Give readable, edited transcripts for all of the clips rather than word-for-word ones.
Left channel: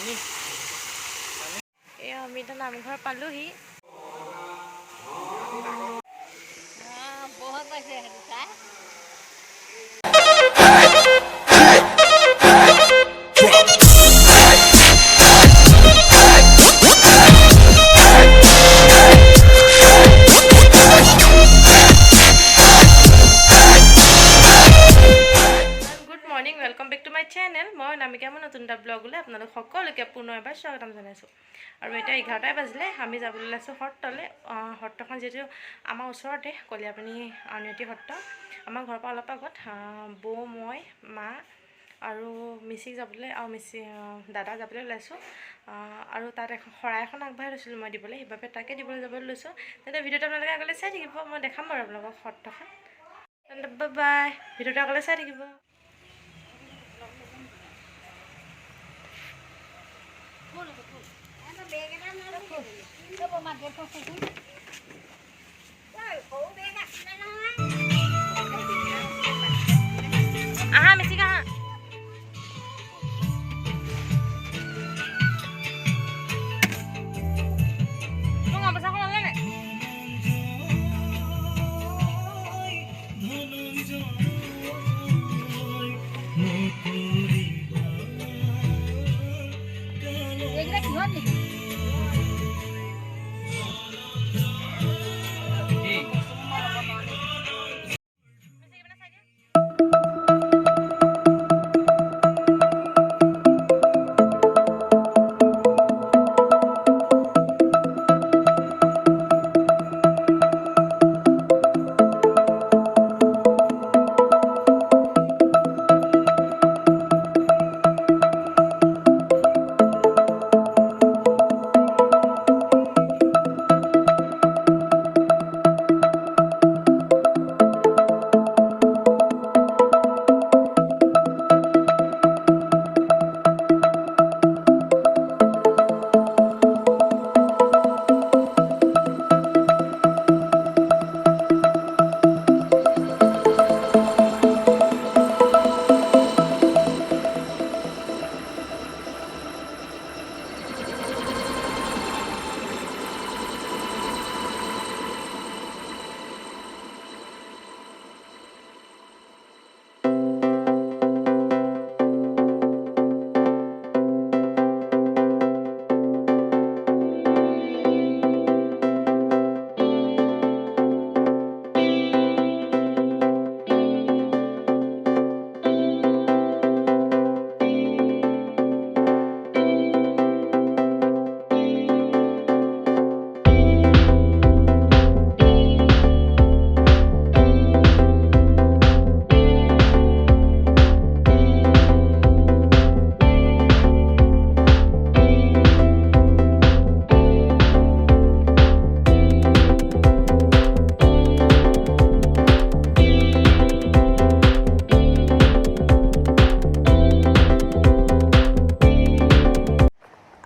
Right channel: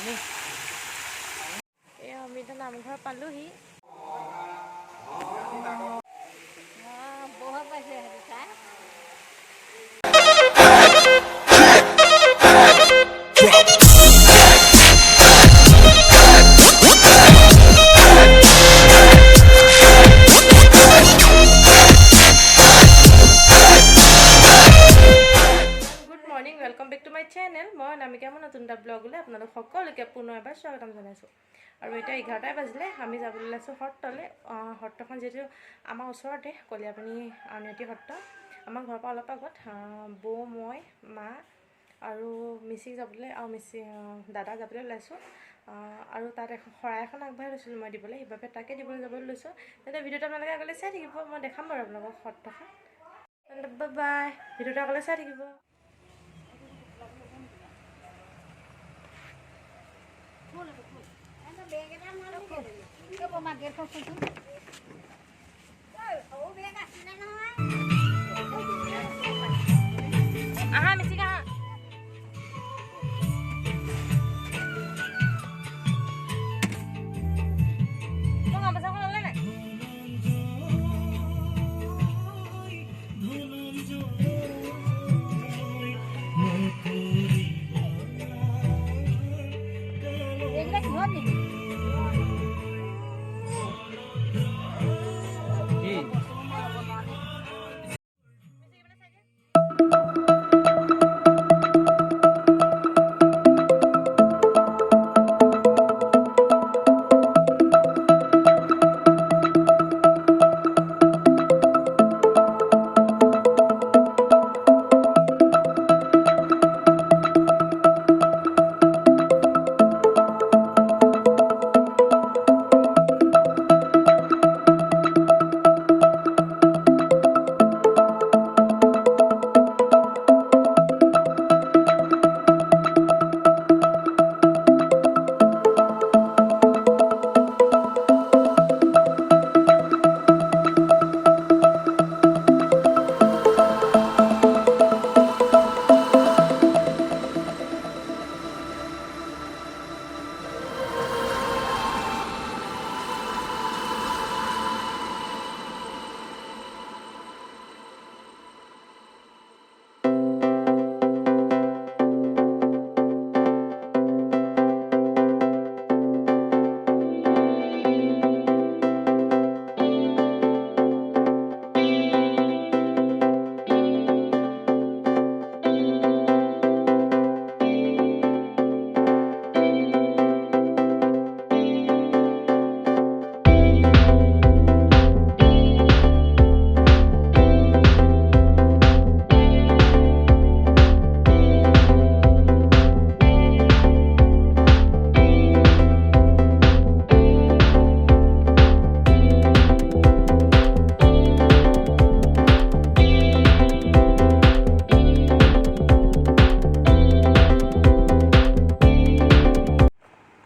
আমি এতিয়া নামঘৰ পালোহি। বহুত পাইছে সেইটো চাই। Welcome back to my channel. मैं नामिका मैं नतुन এটা ব্লগলৈ আপোনালোক সকলোকে পুনৰ এবাৰ স্বাগতম জনাইছোঁ। আৰু এতিয়া 11টা বাজিলে আমি যাবলৈ ওলাইছোঁ সত্ৰলৈ। সত্ৰখন যেটো আমাৰ ওচৰতে কলিয়াপানী আউনীআটী সত্ৰ। আমাৰ ঘৰৰ পৰা অলপ আগত বৌ মই মা আৰু মিচিক যাবলৈ আৰু দাদা যাবলৈ ওলাইছোঁ। আৰু তাত এখন শৰাই এখন আগবঢ়াই লৈছিলোঁ মই দিবলৈ, সেইবাবে তাকে দিবলৈ যাবলৈ লৈছোঁ। তেন্তে ভিডিঅ'টো আপোনালোকে আগলৈ চাই থাকিব, মই দেখাম বাৰু আপোনালোকক সত্ৰখন। তেন্তে বাই বাই, ভিডিঅ'টো আগলৈ চাই থাকিব। aha মিচিক aha tunggu apa sih kalau nenek ya kita gimana nih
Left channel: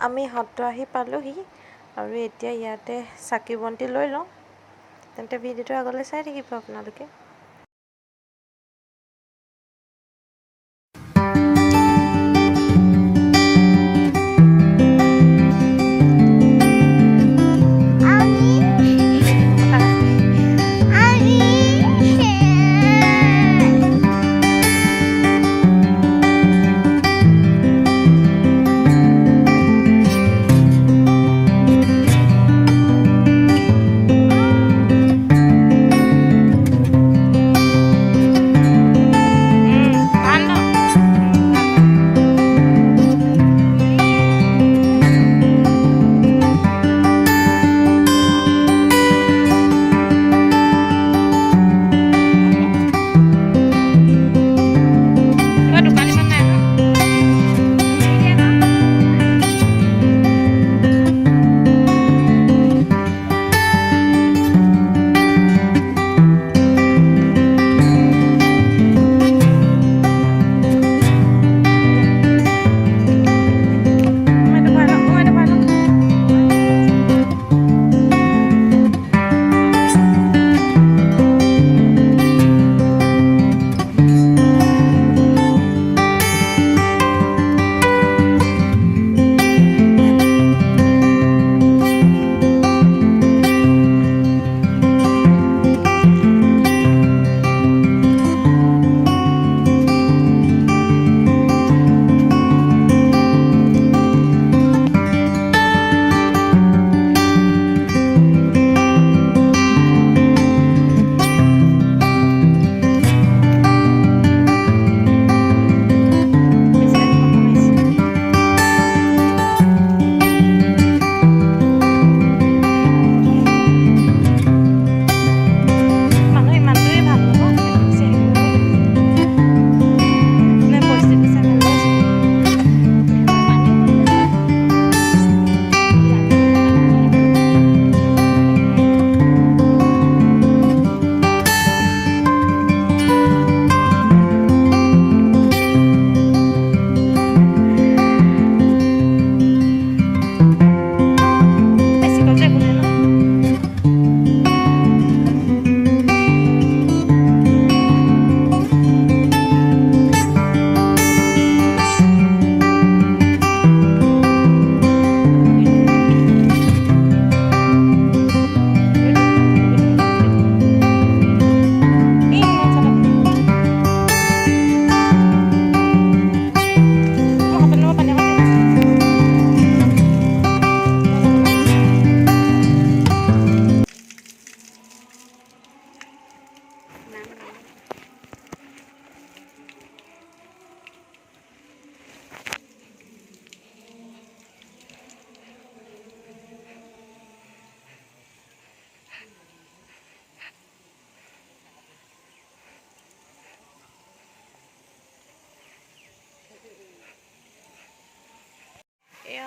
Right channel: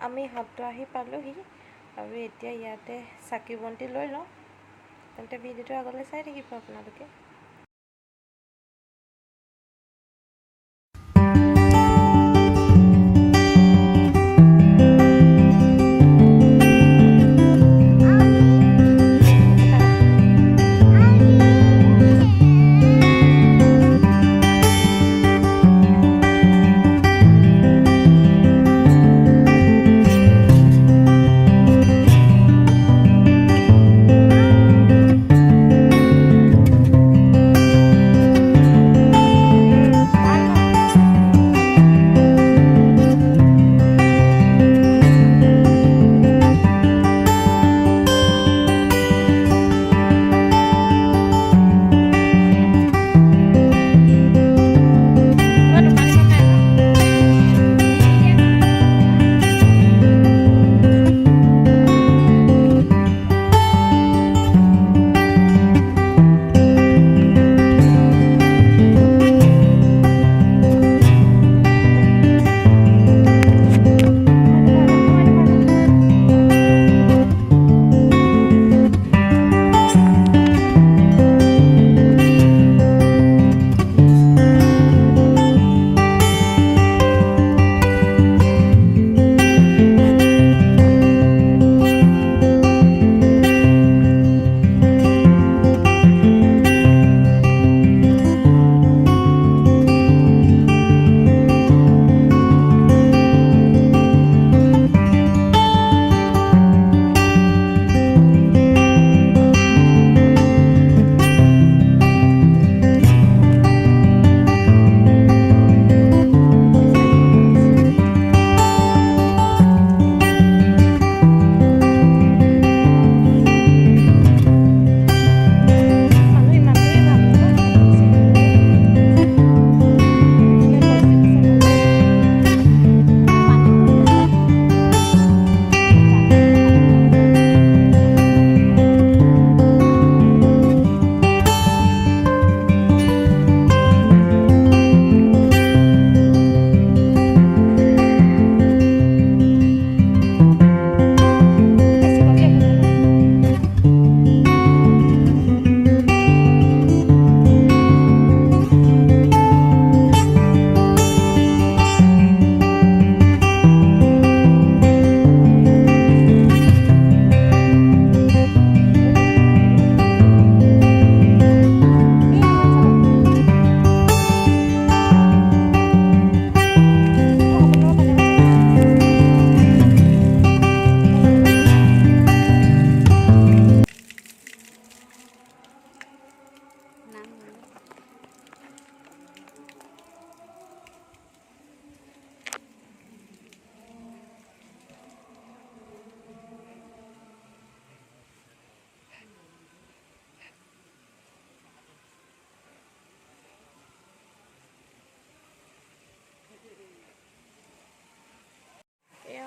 আমি সত্ৰ আহি পালোহি আৰু এতিয়া ইয়াতে চাকি বন্তি লৈ লওঁ। তেন্তে ভিডিঅ'টো আগলৈ চাই থাকিব আপোনালোকে।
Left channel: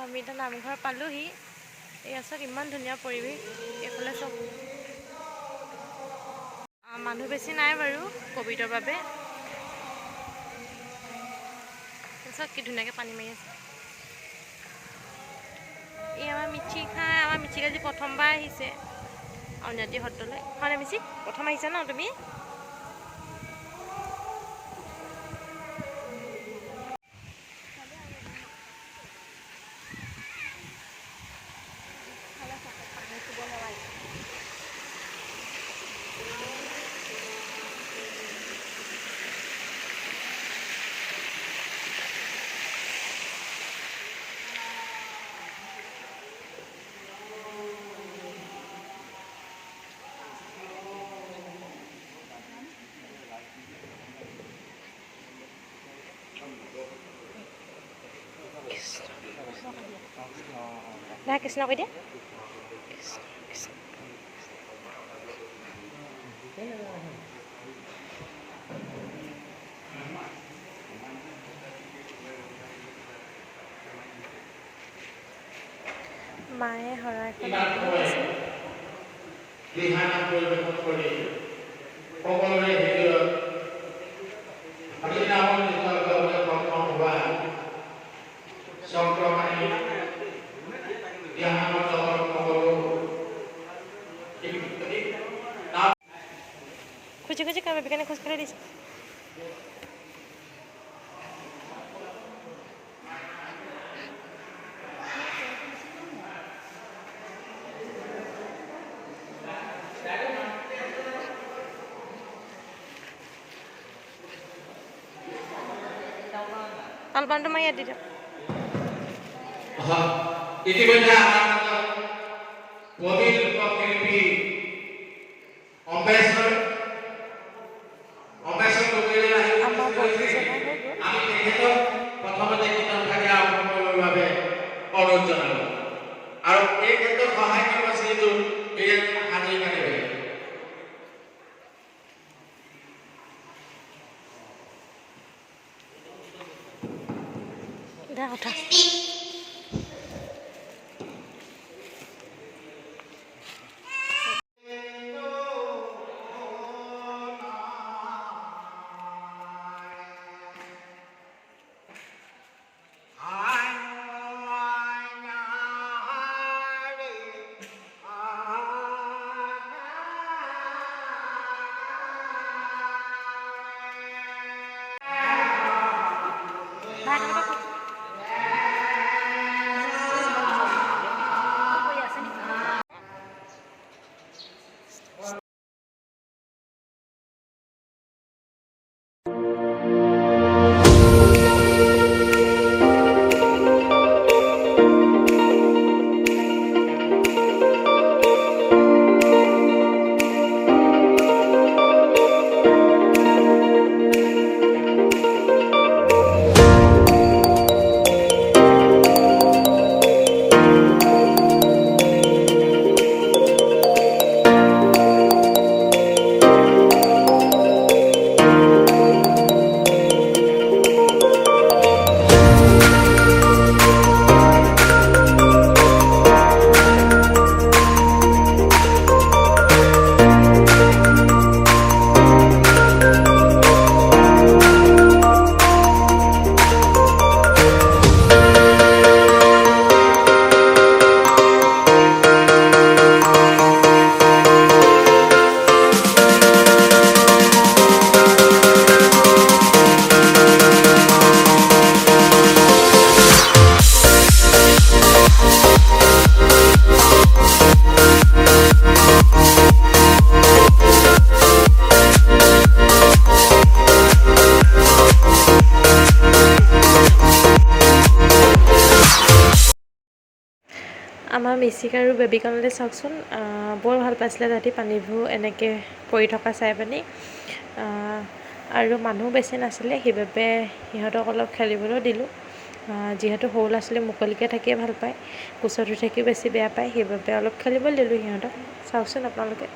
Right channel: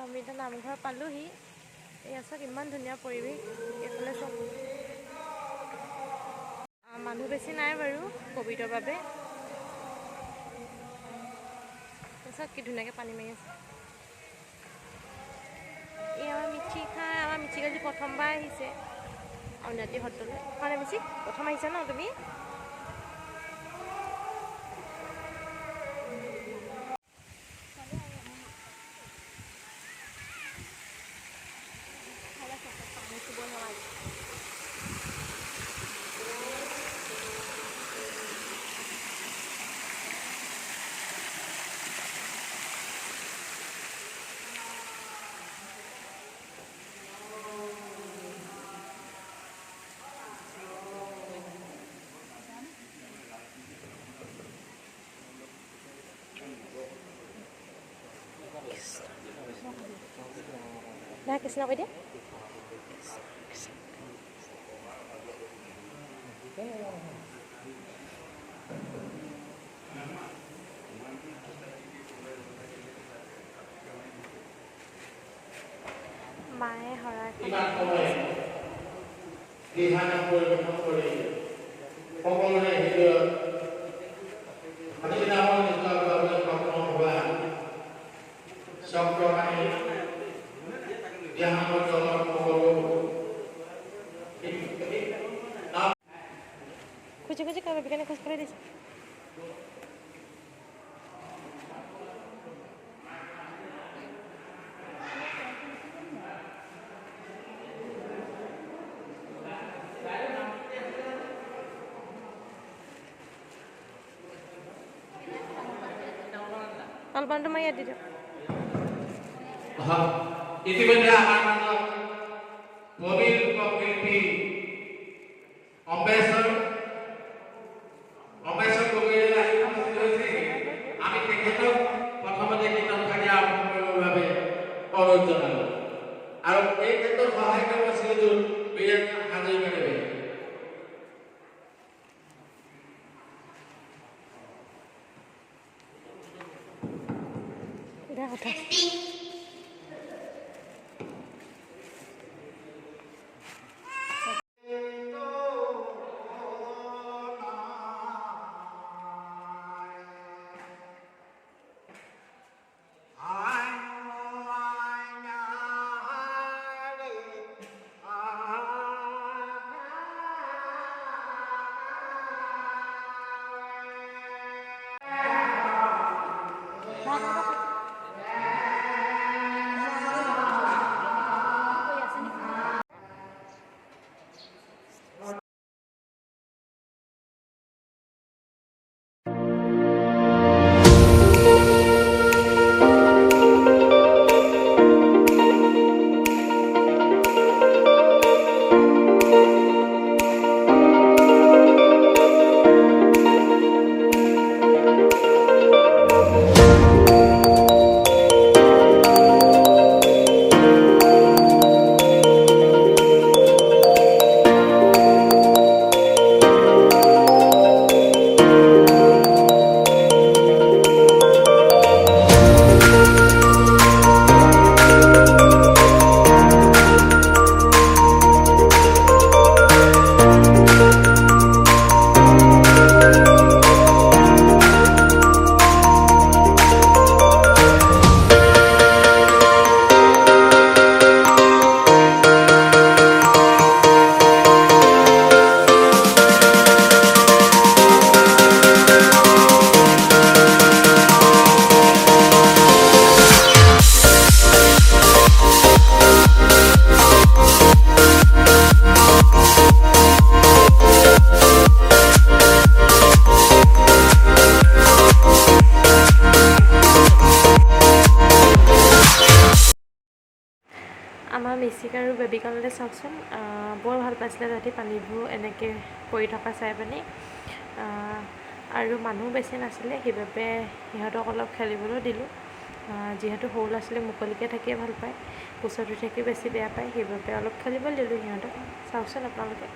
আমি এতিয়া নামঘৰ পালোহি। এয়া চাওক ইমান ধুনীয়া পৰিৱেশ, এইফালে চব মানুহ বেছি নাই বাৰু ক'ভিডৰ বাবে। চাওক কি ধুনীয়াকৈ পানী মাৰি আছে। এই আমাৰ মিচিক আজি প্ৰথমবাৰ আহিছে আউনীআটী সত্ৰলৈ। হয়নে মিচিক, প্ৰথম আহিছা ন তুমি? নাই কৃষ্ণ কৈ দিয়া। মায়ে শৰাইখন খুঁজি খুঁজি কাৰোবাৰ কাৰণে খোজকাঢ়ি দিছে। তালবানটো মাৰি ইয়াত দি দিয়ক। ইতিমধ্যে আমাৰ প্ৰবীণ লোকশিল্পী অম্বেশ্বৰ গগৈয়ে আমি তেখেতক প্ৰথমতে কিতাপ থাকে আৰম্ভ কৰিবৰ বাবে অনুৰোধ জনালোঁ আৰু এই ক্ষেত্ৰত সহায় কৰিব শ্ৰীযুত বীৰেন্দ্ৰ হাজৰিকাদেৱে। উঠা আমাৰ মিচিক আৰু বেবীকণলৈ চাওকচোন, বৰ ভাল পাইছিলে তাহাঁতি পানীবোৰ এনেকৈ পৰি থকা চাই পিনি। আৰু মানুহ বেছি নাছিলে, সেইবাবে সিহঁতক অলপ খেলিবলৈ দিলোঁ। যিহেতু সৰু ল'ৰা ছোৱালী মুকলিকৈ থাকিয়ে ভাল পায়, কোচত থাকি বেছি বেয়া পায়, সেইবাবে অলপ খেলিবলৈ দিলোঁ সিহঁতক। চাওকচোন আপোনালোকে।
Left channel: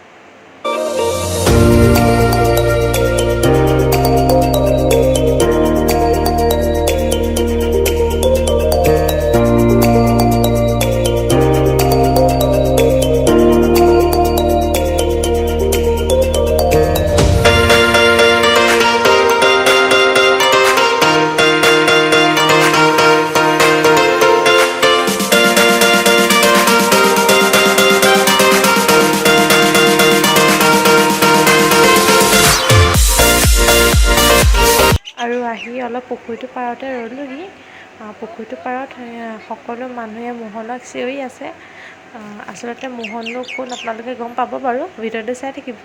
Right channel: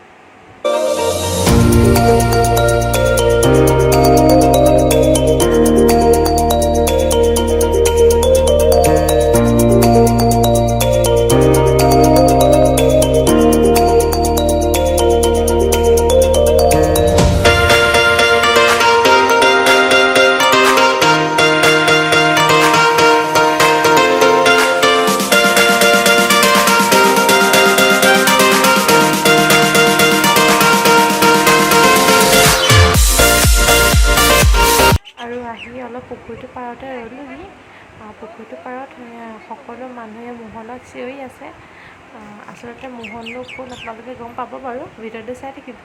পুখুৰীটোৰ পাৰতে ৰ'লোহি। পুখুৰীটোৰ পাৰত সকলো মানুহে মোহনক চিঞৰি আছে। আচলতে মোহননো কোন আপোনালোকে গম পাব বাৰু, ভিডিঅ'টো চাই থাকিব।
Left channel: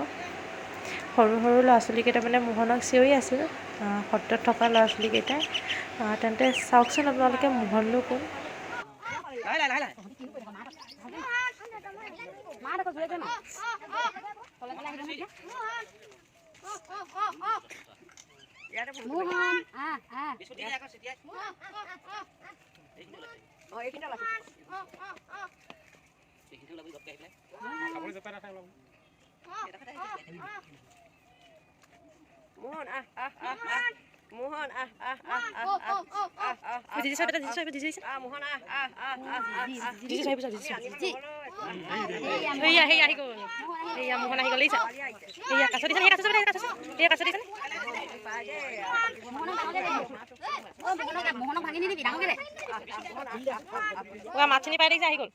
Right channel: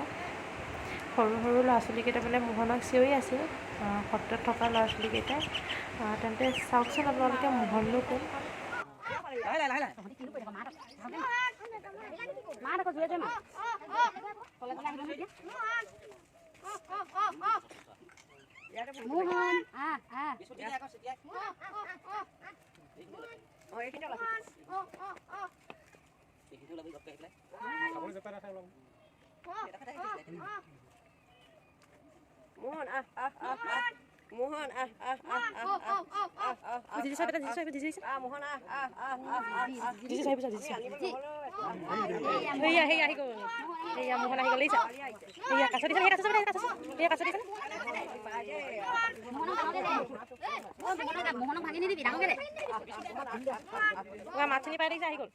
সৰু সৰু ল'ৰা ছোৱালীকেইটা মানে মোহনক চিঞৰি আছিল, সত্ৰত থকা ল'ৰা ছোৱালীকেইটাই। তেন্তে চাওকচোন আপোনালোকে মোহননো কোন। মাছখিনি পাই দেখিছে আহি গ'ল।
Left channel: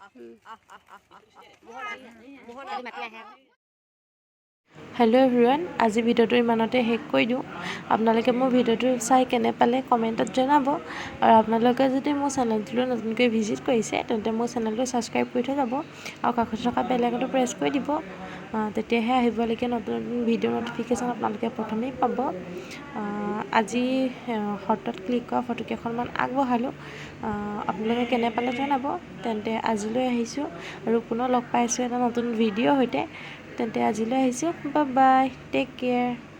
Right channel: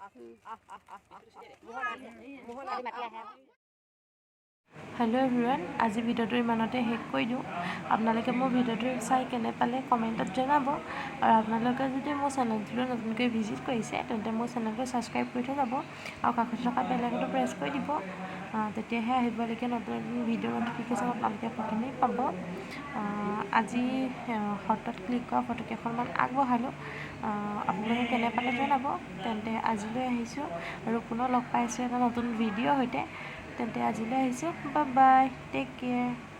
হেল্ল' এভৰিৱান, আজি ভিডিঅ'টো ইমানতে শেষ কৰি দিওঁ। আপোনালোকে মোৰ ভিডিঅ'টো চাই কেনে পালে কমেণ্টত জনাব। আৰু আপোনালোকে যদি মোৰ চেনেলটোলৈ নতুনকৈ ভিজিট কৰিছে তেন্তে মোৰ চেনেলটো ছাবস্ক্ৰাইব কৰি থৈ যাব আৰু কাষত থকা বেল আইকনটো প্ৰেছ কৰি দিব। তেতিয়াহে আহিবলগীয়া নতুন নতুন ভিডিঅ' ন'টিফিকেশ্যন আপোনালোকে প্ৰথমেই পাব। আজি সত্ৰত ক্লিক কৰা ফটোকেইখনমান আগবঢ়ালোঁ। আপোনালোকে কেনে পালে জনাব। তেন্তে আজিলৈ আহিছোঁ আৰু পুনৰ লগ পাইছোঁ এটা নতুন ভিডিঅ'ৰ সৈতে। তেন্তে আজিলৈ আহিছোঁ, বাই বাই, টেক কেয়াৰ।